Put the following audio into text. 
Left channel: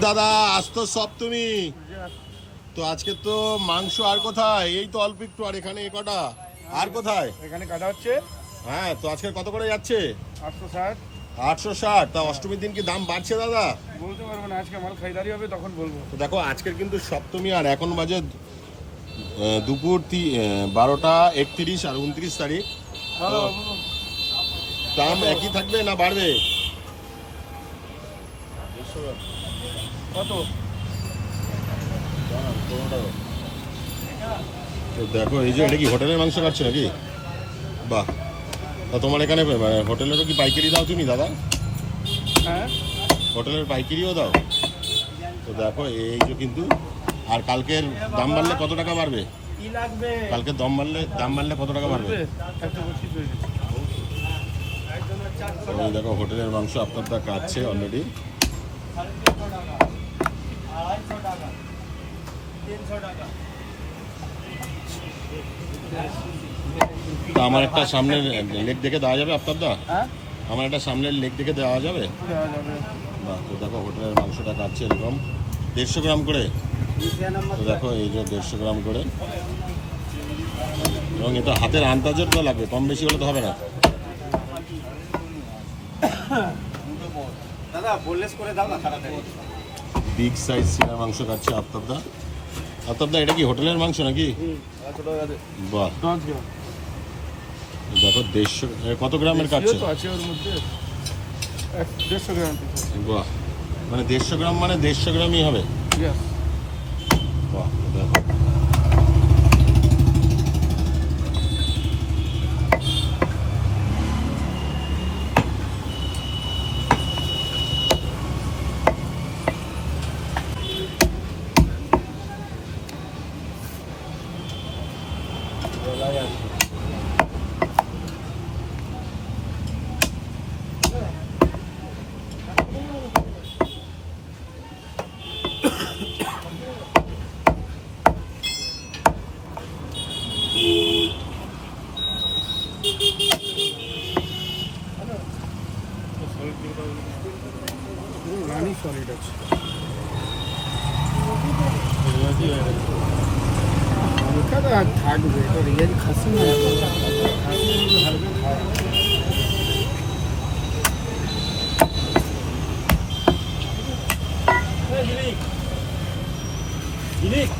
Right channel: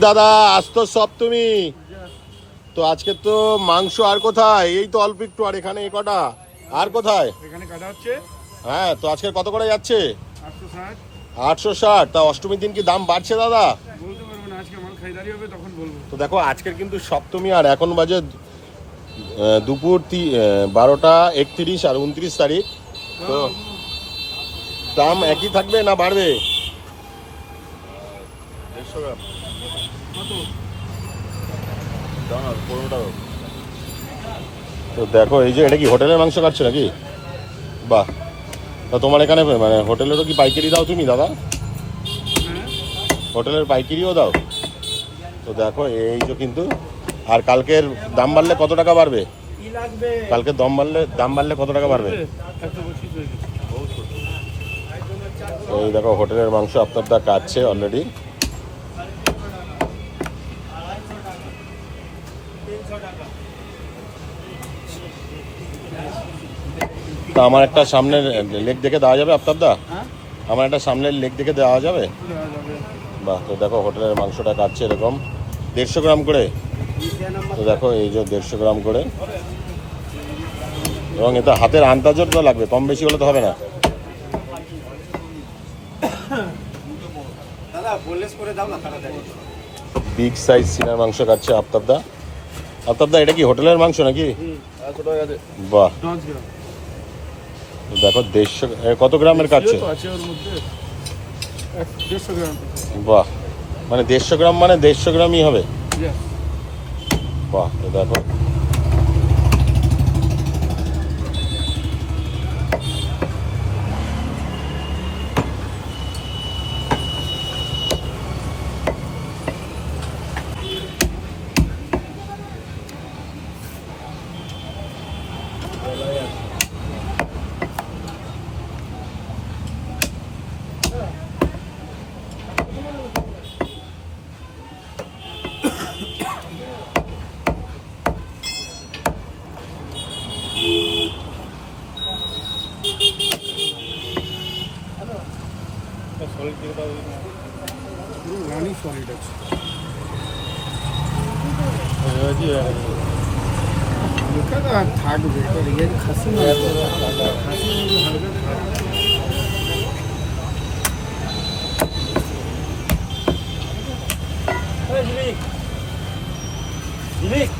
দাদা আসতো সব তুমি তো আজকে তো মাংস আর কোথায়? এই তো অল্প একটু আর এখানে এ কটা? আর কোথায়? এখানে কাটা হচ্ছে। হ্যাঁ তো আজকে কত করে যাচ্ছে? আটশো ষাট। আটশো ষাট। তা অষ্টমীর দিন কি দাম বাড়ছে দাদা? বলতে পারব না আজকে মাল খাইদারি হবে তখন বলব। তো দেখো আজকের কিন্তু সপ্তমী আর এখন বাজে দুপুর তি- বারোটা একত্রিশ আর উনত্রিশ তারিখ। দাম একই থাকবে না বাড়বে? কত? তো দেখো এই যে এটা কি হোটেলের মাংস কাটছে নাকি? বাহ। তা তোমার এখানে মানে হোটেলেরও কি পাইকারি দাও তুমি দাদা? হ্যাঁ। হোটেলের পাইকারিও দাও। তো দেখো এই তো কিন্তু আর কালকের দাম বাড়লে কত টাকা বাড়বে? কালকে দম বাড়লে দাম বাড়লে কত টাকা বাড়বে? দেখো হোটেলের মাংস আপনারটা কাটছে অলরেডি তো আমার একটা সামনের লেক দেখে দেওয়া যাবে আপনারটা হ্যাঁ? আমার একটা সামনের লেক দেখে দেওয়া যাবে? বাহ তো দেখো হোটেলের মাংসটা কাটছে এরকম। দেড়শো গ্রাম করে। তো দেখো এই যে দেড়শো গ্রাম করে। এবং এটা হাতের আন্দাজও তো লাগবে কম বেশি হলে তো হবে না। বিগ সাইজ সিনার মাংস কাটছে আফতাবদা আফতাবদা এটা কি হোটেলের মাংস নাকি? বাহ। দেখো দেড়শো কত গ্রামের কাটছে বাহ। মানে দেড়শো গ্রাম মানে দেড়শো গ্রামই হবে? বাহ তো দেখো। রানি সলিড আছে আর থাকবে এটা রিয়াজ খাসি খাসি হালকা থাকবে জিলিক জিলিক